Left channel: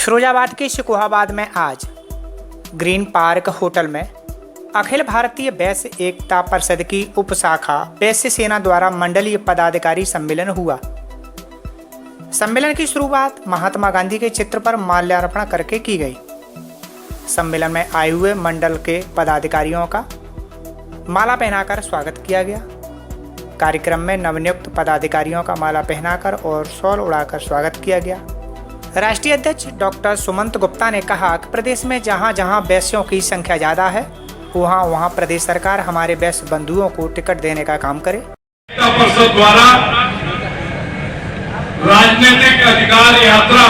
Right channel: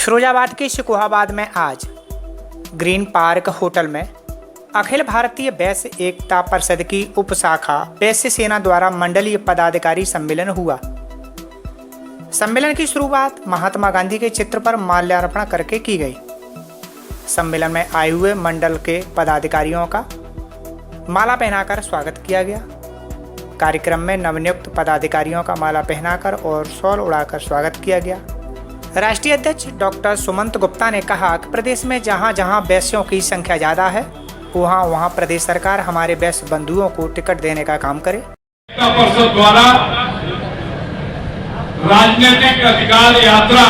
फिरोजाबाद के शिकोहाबाद में आज ग्रीन पार्क होटल में अखिल भारतीय वैश्य एकता परिषद की उपशाखा वैश्य सेना द्वारा मंडलीय पदाधिकारी सम्मेलन हुआ। सम्मेलन की शुरुआत महात्मा गांधी के चित्र पर माल्यार्पण करके की गई। सम्मेलन में आए हुए मंडल के पदाधिकारियों का माला पहनाकर स्वागत किया गया। कार्यक्रम में नवनियुक्त पदाधिकारियों का माला पहनाकर और शॉल उड़ाकर स्वागत किया गया। राष्ट्रीय अध्यक्ष डॉक्टर सुमंत गुप्ता ने कहा कि प्रदेश में जहां जहां वैश्यों की संख्या ज्यादा है वहां वहां प्रदेश सरकार हमारे वैश्य बंधुओं को टिकट देने का काम करे। परिषद द्वारा राजनीतिक अधिकार यात्रा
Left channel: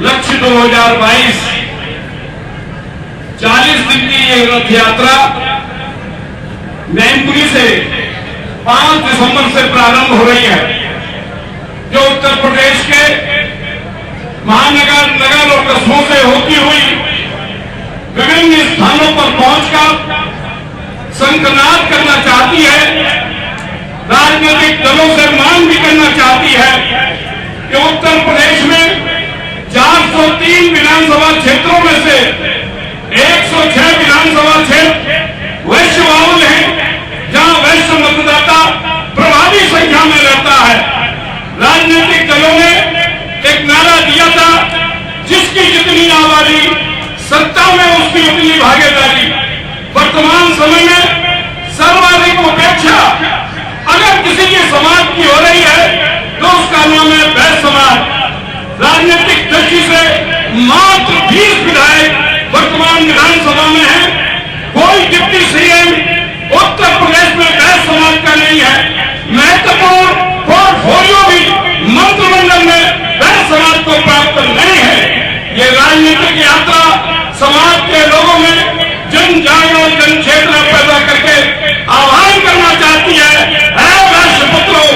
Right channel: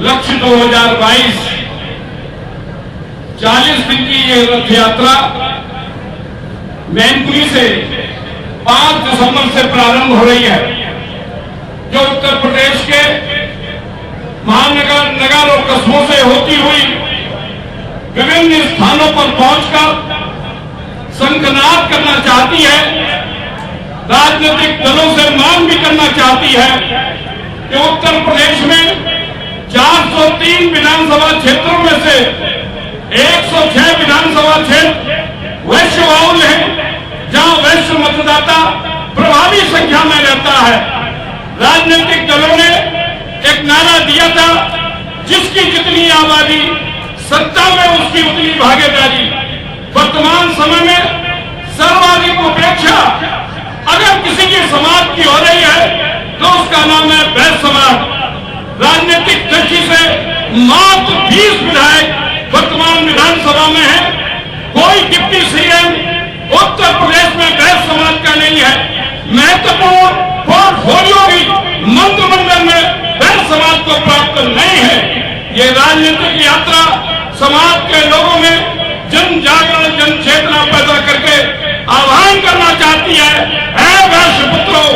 लक्ष्य 2022 40 दिन की ये रथ यात्रा मैनपुरी से 5 दिसंबर से प्रारंभ हो रही है, जो उत्तर प्रदेश के महानगर, नगर और कस्बों से होती हुई विभिन्न स्थानों पर पहुंचकर शंखनाद करना चाहती है। राजनीतिक दलों से मांग भी करना चाहती है कि उत्तर प्रदेश में 403 विधानसभा क्षेत्रों में से 106 विधानसभा क्षेत्र वैश्य बहुल हैं, जहां वैश्य मतदाता प्रभावी संख्या में रहता है। राजनीतिक दलों ने एक नारा दिया था, जिसकी जितनी आबादी सत्ता में उसकी उतनी भागीदारी। वर्तमान समय में सर्वाधिक उपेक्षा अगर किसी की समाज की हो रही है तो उसका नाम है वैश्य समाज। राजनीतिक दृष्टि से मात्र 20 विधायक वर्तमान विधानसभा में है। कोई डिप्टी सीएम उत्तर प्रदेश में वैश्य समाज का नहीं है। महत्वपूर्ण पोर्टफोलियो भी मंत्रिमंडल में वैश्य समाज को प्राप्त नहीं है। ये राजनीतिक यात्रा समाज के लोगों में जन जागरण, जन चेतना पैदा करके आह्वान करना चाहती है, वैश्य पुत्रों,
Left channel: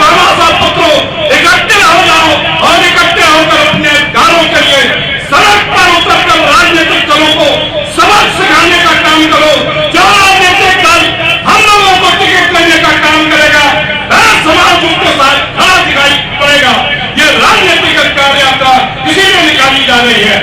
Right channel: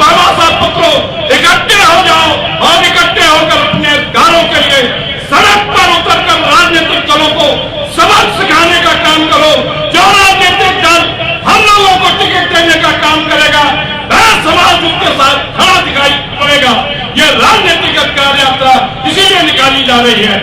बाबा साहब पुत्रों, इकट्ठे हो जाओ और इकट्ठे होकर अपने अधिकारों के लिए सड़क पर उतरकर राजनीतिक दलों को सबक सिखाने का काम करो। जो राजनीतिक दल हम लोगों को टिकट देने का काम करेगा, वैश्य समाज उसके साथ खड़ा दिखाई पड़ेगा। ये राजनीतिक अधिकार यात्रा इसीलिए निकाली जा रही है।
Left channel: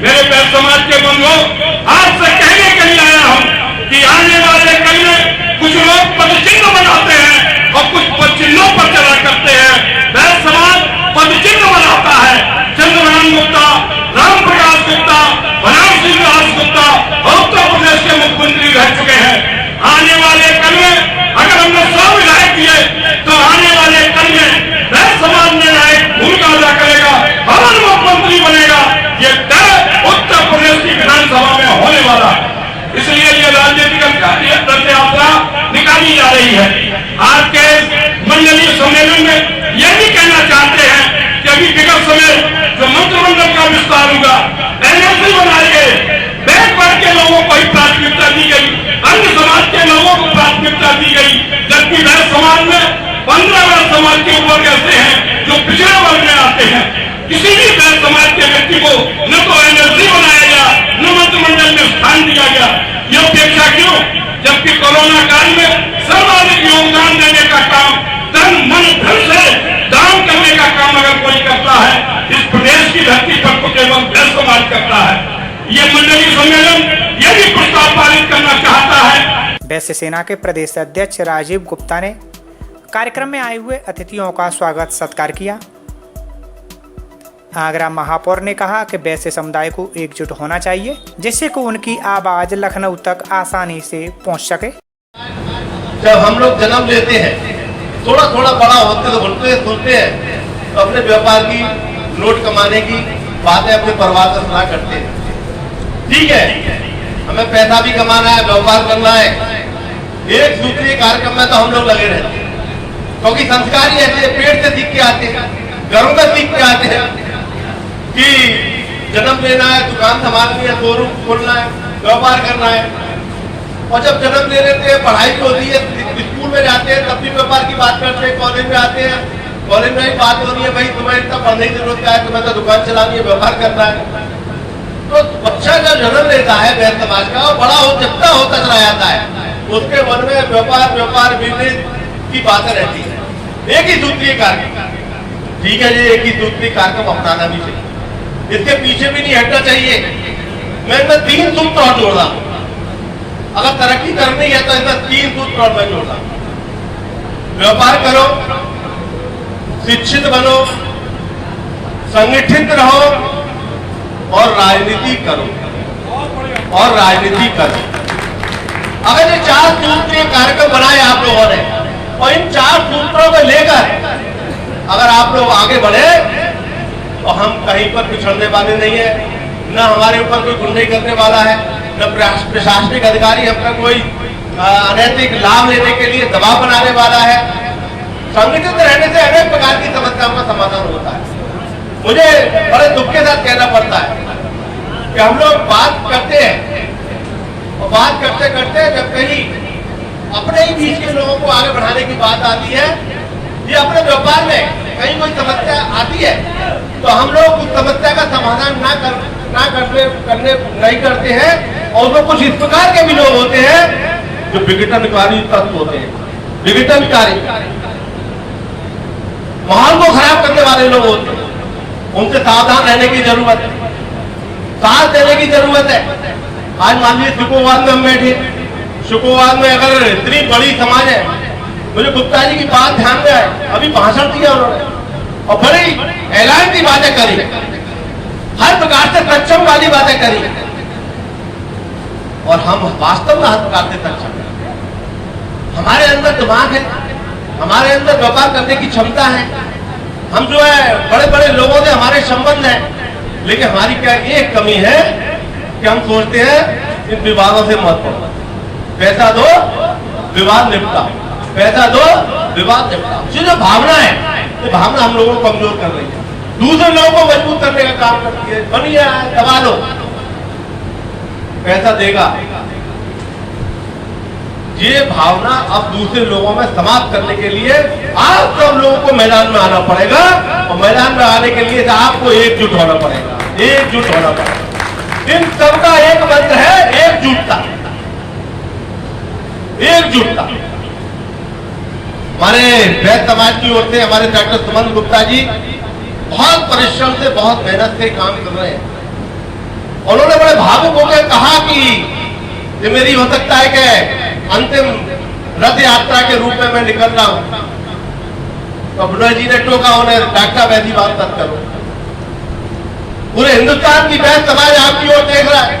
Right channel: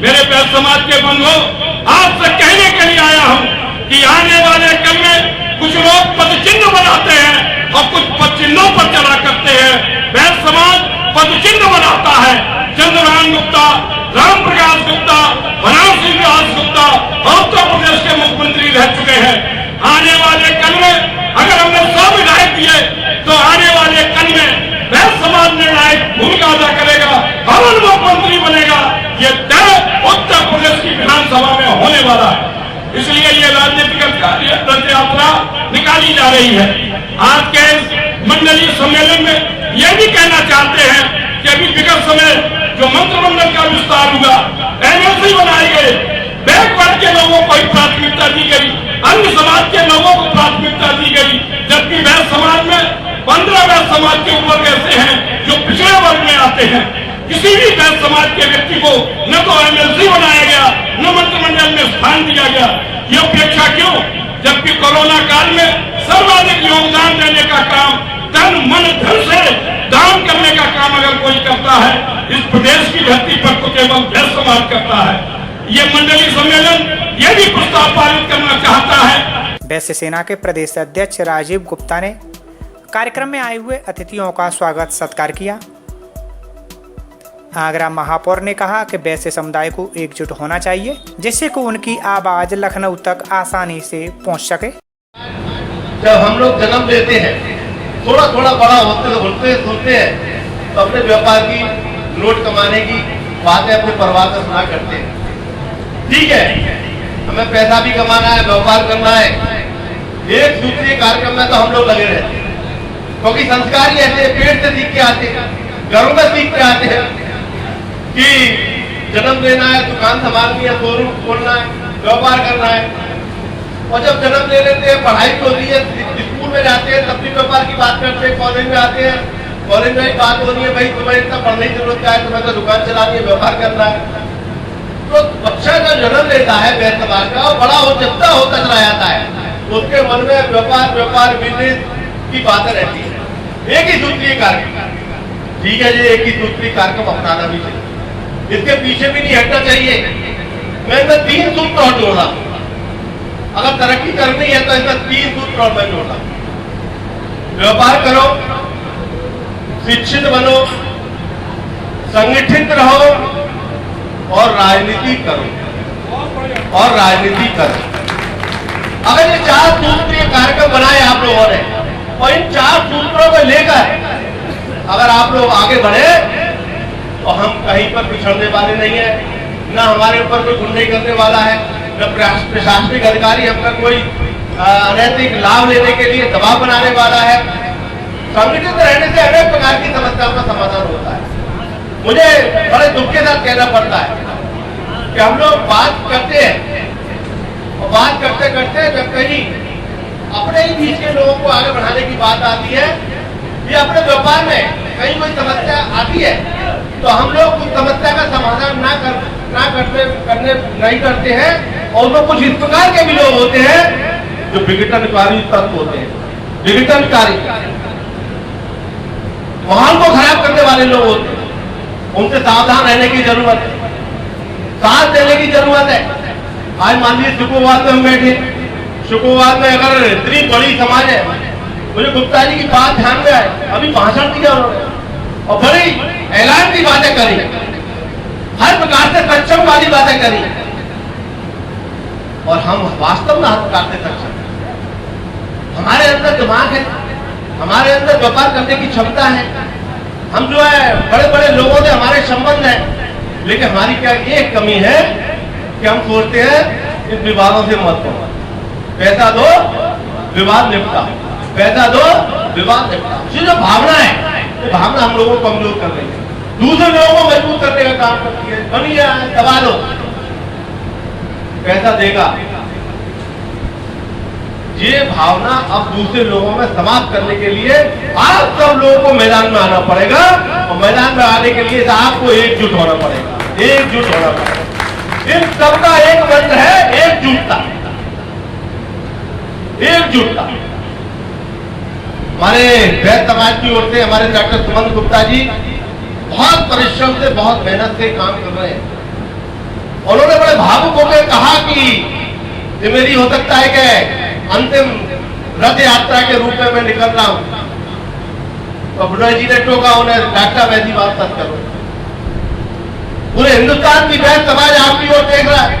मेरे वैश्य समाज के बंधुओं, आज से कहने के लिए आया हूं कि आने वाले कल में कुछ लोग पद चिन्ह बनाते हैं और कुछ पद चिन्हों पर चला करते हैं। वैश्य समाज पद चिन्ह बनाता है। चंद्रभान गुप्ता, राम प्रकाश गुप्ता, बनारसी विलास गुप्ता उत्तर प्रदेश के मुख्यमंत्री रह चुके हैं। आने वाले कल में अगर हमने 100 विधायक किए तो आने वाले कल में वैश्य समाज निर्णायक भूमिका अदा करेगा और मुख्यमंत्री बनेगा। ये तय उत्तर प्रदेश की विधानसभा में होने वाला। इसलिए ये राजनीतिक रथ यात्रा निकाली जा रही है। आज के मंडलीय सम्मेलन में ये भी कहना चाहते हैं कि अभी विगत समय जो मंत्रिमंडल का विस्तार हुआ, एनएलसी बनाई गई, बैकवर्ड के लोगों को ही प्राथमिकता दी गई, अन्य समाज के लोगों को प्राथमिकता दी गई, जबकि वैश्य समाज में 15 वैश्य समाज के ऊपर ऐसे हैं जो पिछड़े वर्ग में आते हैं। किसी भी वैश्य समाज के व्यक्ति को न तो एनएलसी बनाया गया, न मंत्रिमंडल में स्थान दिया गया। ये उपेक्षा क्यों? जबकि कोरोना काल में सर्वाधिक योगदान देने का काम, तन मन धन से दान करने का काम अगर कोई करता है, इस प्रदेश की धरती पर तो केवल वैश्य समाज करता है। ये मंडलीय सम्मेलन ये भी प्रस्ताव पारित करना चाहता है। वैश्य सेना के प्रदेश अध्यक्ष राजीव गुप्ता ने कार्यक्रम में आए हुए अतिथियों का स्वागत सत्कार किया। आगरा महापौर ने कहा कि वैश्य समुदाय को एकजुट होना चाहिए, जिससे कि उनकी आवाज लखनऊ तक आसानी से पहुंच सके। जब हम लोग जन्म लेते हैं, थोड़ा थोड़ा बड़ा होते तो सुनते हैं तो अपने व्यापार की, नोट कमाने की बातें अपने परिवार से सुना करते हैं। ठीक है, हमें पैसा भी कमाना है, व्यापार करना है, एक दूसरे कार्यक्रम में तो हम लोग लगे रहते हैं, क्योंकि संस्कार ही ऐसे पेट से सीख के आते हैं, घरों में सीख के आते हैं कि जन्म लेना है, दुकान संभालनी है, शोरूम खोलना है, व्यापार करना है। और जब जन्म ले लेते हैं, पढ़ाई होती है, स्कूल में जाते हैं, तब भी व्यापार की बात करते हैं। कॉलेज में आते हैं, कॉलेज में भी बात हो रही है, भाई तुम्हें इतना पढ़ने की जरूरत है, तुम्हें तो दुकान चलानी है, व्यापार करना है। तो बच्चा जब जन्म लेता है वैश्य समाज का और बड़ा होता चला जाता है, उसके मन में व्यापार बिजनेस की बातें रहती है। एक ही सूत्री कार्यक्रम, ठीक है जी, एक ही सूत्री कार्यक्रम अपनाना भी चाहिए। इसके पीछे भी नहीं हटना चाहिए। मैं इसमें 3 सूत्र और जोड़ रहा हूं। अगर तरक्की करनी है तो इसमें 3 सूत्र और मैं जोड़ रहा हूं। व्यापार करो, शिक्षित बनो, संगठित रहो और राजनीति करो। अगर ये 4 सूत्र के कार्यक्रम बनाए आप लोगों ने और इन 4 सूत्रों को लेकर अगर आप लोग आगे बढ़े तो हम कहीं पर पिछड़ने वाले नहीं है। न हमारे ऊपर कोई गुंडे करने वाला है, न प्रशासनिक अधिकारी अपना कोई अनैतिक लाभ लेने के लिए दबाव बनाने वाला है। संगठित रहने से अनेक प्रकार की समस्याओं का समाधान होता है। मुझे बड़े दुख के साथ कहना पड़ता है कि हम लोग बात करते हैं और बात करते करते जब कहीं अपने ही बीच के लोगों को आगे बढ़ाने की बात आती है या अपने व्यापार में कहीं कोई समस्या आती है तो हम लोग उस समस्या का समाधान नहीं करते हैं। और वो कुछ इस प्रकार के भी लोग होते हैं जो विघटनकारी तत्व होते हैं, विघटनकारी माहौल को खराब करने वाले लोग होते हैं। उनसे सावधान रहने की जरूरत है, साथ देने की जरूरत है। आज मान लीजिए शुक्रवार में हम बैठे, शुक्रवार में अगर इतनी बड़ी समाज है, मुझे गुप्ता जी की बात ध्यान में आए, अभी भाषण दिया उन्होंने और बड़ी ऐलान की बातें करी, हर प्रकार से सक्षम वाली बातें करी और हम वास्तव में हर प्रकार से सक्षम हैं। हमारे अंदर दिमाग है, हमारे अंदर व्यापार करने की क्षमता है। हम जो है बड़े बड़े लोगों से हमारे संबंध है, लेकिन हमारी क्या एक कमी है कि हम सोचते हैं इन विवादों से मत पड़ो, पैसा दो विवाद निपटा, पैसा दो विवाद निपटा। ये जो भावना है, ये भावना हम लोगों को कमजोर कर रही है, दूसरे लोगों को मजबूत करने का काम करती है। बनिया दबा लो, पैसा देगा। ये भावना अब दूसरे लोगों में समाप्त करने के लिए आप सब लोगों को मैदान में आना पड़ेगा और मैदान में आने के लिए आपको एकजुट होना पड़ेगा, एकजुट होना पड़ेगा। इन सबका एक मंत्र है एकजुटता, एकजुटता। हमारे वैद्य समाज की ओर से हमारे डॉक्टर सुमंत गुप्ता जी बहुत परिश्रम से, बहुत मेहनत से काम कर रहे हैं। उन्होंने बड़े भावुक होकर कहा कि ये मेरी हो सकता है कि अंतिम रथ यात्रा के रूप में मैं निकल रहा हूं। तो बुढ़ा जी ने टोका उन्हें, डॉक्टर वैसी बात मत करो, पूरे हिंदुस्तान की वैद्य समाज आपकी ओर देख रहा है।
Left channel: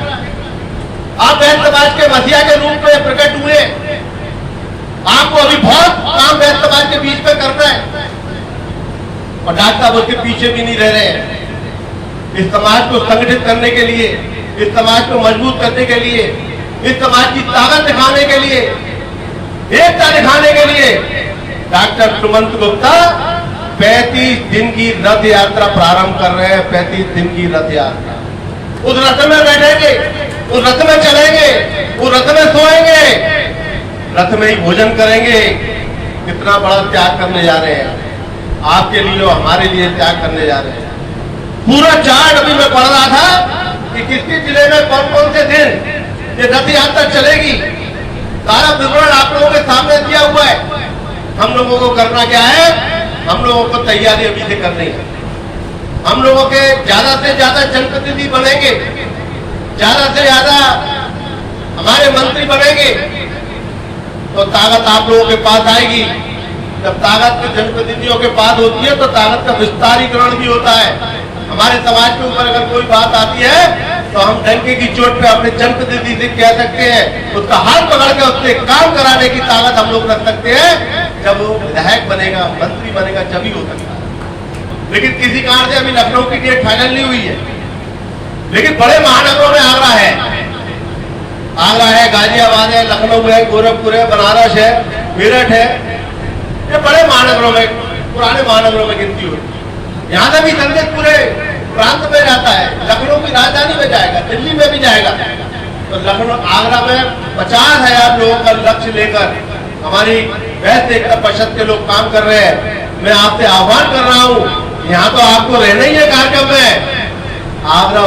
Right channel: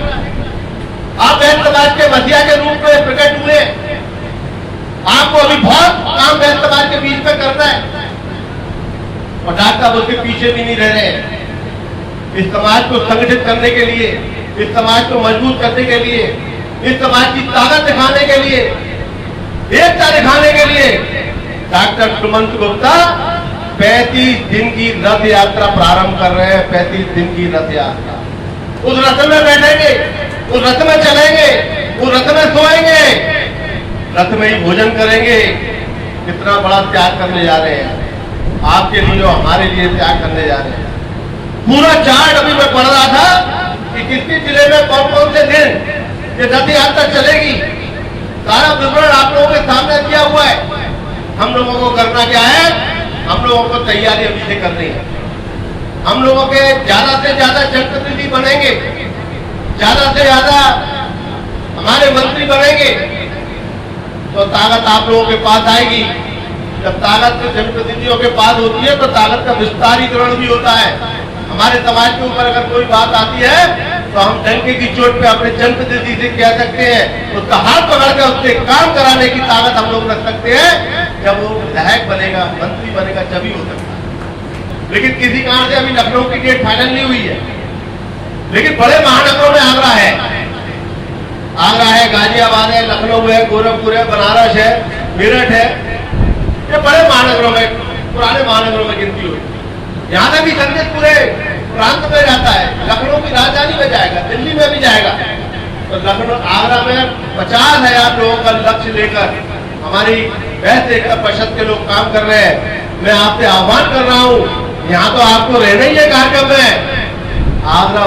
आप वैद्य समाज के मसीहा के रूप में प्रकट हुए, आपको अभी बहुत काम वैद्य समाज के बीच में करना है और डॉक्टर उसके पीछे भी नहीं रह रहे हैं। इस समाज को संगठित करने के लिए, इस समाज को मजबूत करने के लिए, इस समाज की ताकत दिखाने के लिए, एकता दिखाने के लिए डॉक्टर सुमंत गुप्ता 35 दिन की रथ यात्रा प्रारंभ कर रहे हैं। 35 दिन की रथ यात्रा। उस रथ में बैठेंगे, उस रथ में चलेंगे, उस रथ में सोएंगे, रथ में ही भोजन करेंगे। कितना बड़ा त्याग करने जा रहे हैं आपके लिए और हमारे लिए, त्याग करने जा रहे हैं। पूरा चार्ट अभी मैं पढ़ रहा था कि किसके जिले में कौन कौन से दिन ये रथ यात्रा चलेगी, सारा विवरण आप लोगों के सामने दिया हुआ है। हम लोगों को करना क्या है, हम लोगों को तैयारी अभी से करनी है। हम लोगों के ज्यादा से ज्यादा जनप्रतिनिधि बनेंगे, ज्यादा से ज्यादा हमारे मंत्री बनेंगे तो ताकत आप लोगों के पास आएगी। जब ताकत जनप्रतिनिधियों के पास होती है तो ताकत का विस्तारीकरण भी होता है। हमारे समाज के ऊपर अगर कोई बात आती है तो हम डंके की चोट पे अपने जनप्रतिनिधि से कह सकते हैं, उसका हाथ पकड़ के उससे काम कराने की ताकत हम लोग रख सकते हैं। जब वो विधायक बनेगा, मंत्री बनेगा, तभी हो सकता है। लेकिन किसी कारण से अभी लखनऊ की डेट फाइनल नहीं हुई है, लेकिन बड़े महानगरों में आगरा है, गाजियाबाद है, लखनऊ है, गोरखपुर है, बनारस है, मेरठ है। ये बड़े महानगरों में, पुराने महानगरों में गिनती हुई। यहाँ से भी संदेश पूरे प्रांत में रहता है, लखनऊ की राजधानी में जाएगा, दिल्ली में भी जाएगा। तो लखनऊ, आगरा में 50,000 लोगों का लक्ष्य लेकर हमारी 65% के लोग काम कर रहे हैं। मैं आपसे आह्वान कर रहा हूँ, यहाँ तो आपको रहना ही है कार्यक्रम में। आगरा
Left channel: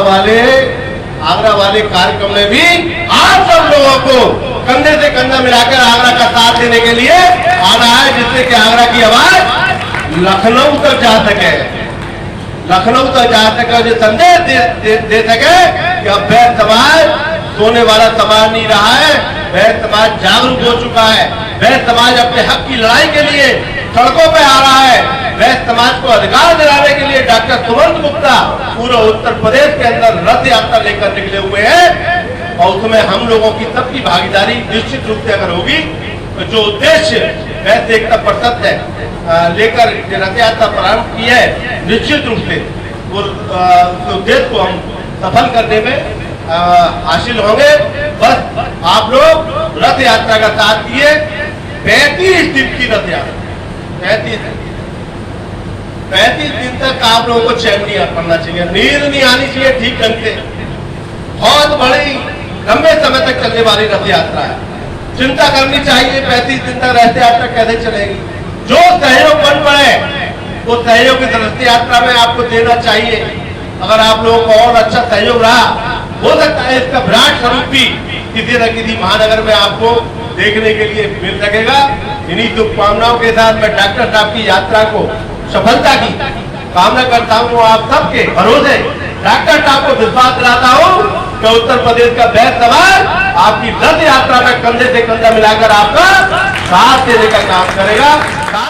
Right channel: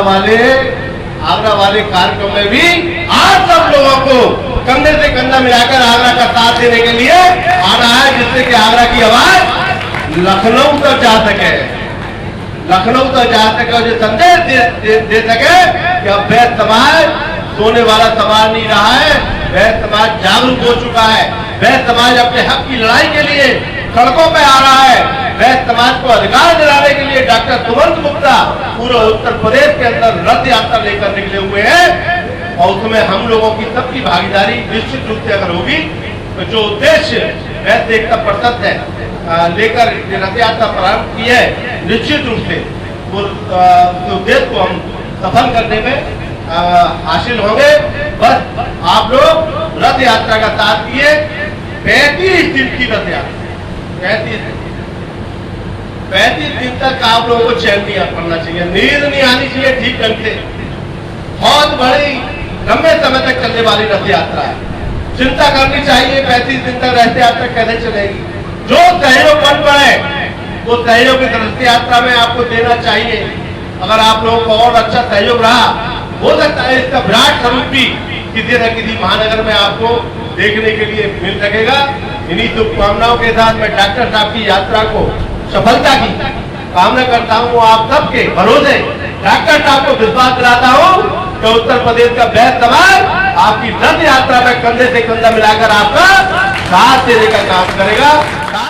वाले कार्यक्रम में भी आप सब लोगों को कंधे से कंधा मिलाकर आगरा का साथ देने के लिए आना है, जिससे कि आगरा की आवाज लखनऊ तक जा सके, लखनऊ तक जाने का जो संदेश दे सके कि अब वैश्य समाज सोने वाला समाज नहीं रहा है, वैश्य समाज जागरूक हो चुका है, वैश्य समाज अपने हक की लड़ाई के लिए सड़कों पे आ रहा है, वैश्य समाज को अधिकार दिलाने के लिए डॉक्टर सुमंत गुप्ता पूरे उत्तर प्रदेश के अंदर रथ यात्रा लेकर निकले हुए हैं। और उसमें हम लोगों की सबकी भागीदारी निश्चित रूप से अगर होगी तो जो उद्देश्य वैश्य एकता परिषद है लेकर रथ यात्रा प्रारंभ की है, निश्चित रूप से उस उद्देश्य को हम सफल करने में हासिल होंगे। बस आप लोग रथ यात्रा का साथ दिए। 35 दिन की रथ यात्रा, 35 दिन तक आप लोगों को चैन नहीं करना चाहिए, नींद नहीं आनी चाहिए ठीक ढंग से। बहुत बड़ी लंबे समय तक चलने वाली रथ यात्रा है, चिंता करनी चाहिए 35 दिन तक रथ यात्रा कैसे चलेगी। जो सहयोग बन पाए वो सहयोग इस रथ यात्रा में आपको देना चाहिए। अगर आप लोगों को और अच्छा सहयोग रहा, हो सकता है इसका विराट स्वरूप भी किसी न किसी महानगर में आपको देखने के लिए मिल सकेगा। इन्हीं शुभकामनाओं के साथ मैं डॉक्टर साहब की यात्रा को सफलता की कामना करता हूँ। आप सबके भरोसे डॉक्टर साहब को विश्वास दिलाता हूँ कि उत्तर प्रदेश का वैश्य समाज आपकी रथ यात्रा में कंधे से कंधा मिलाकर आपका साथ देने का काम करेगा।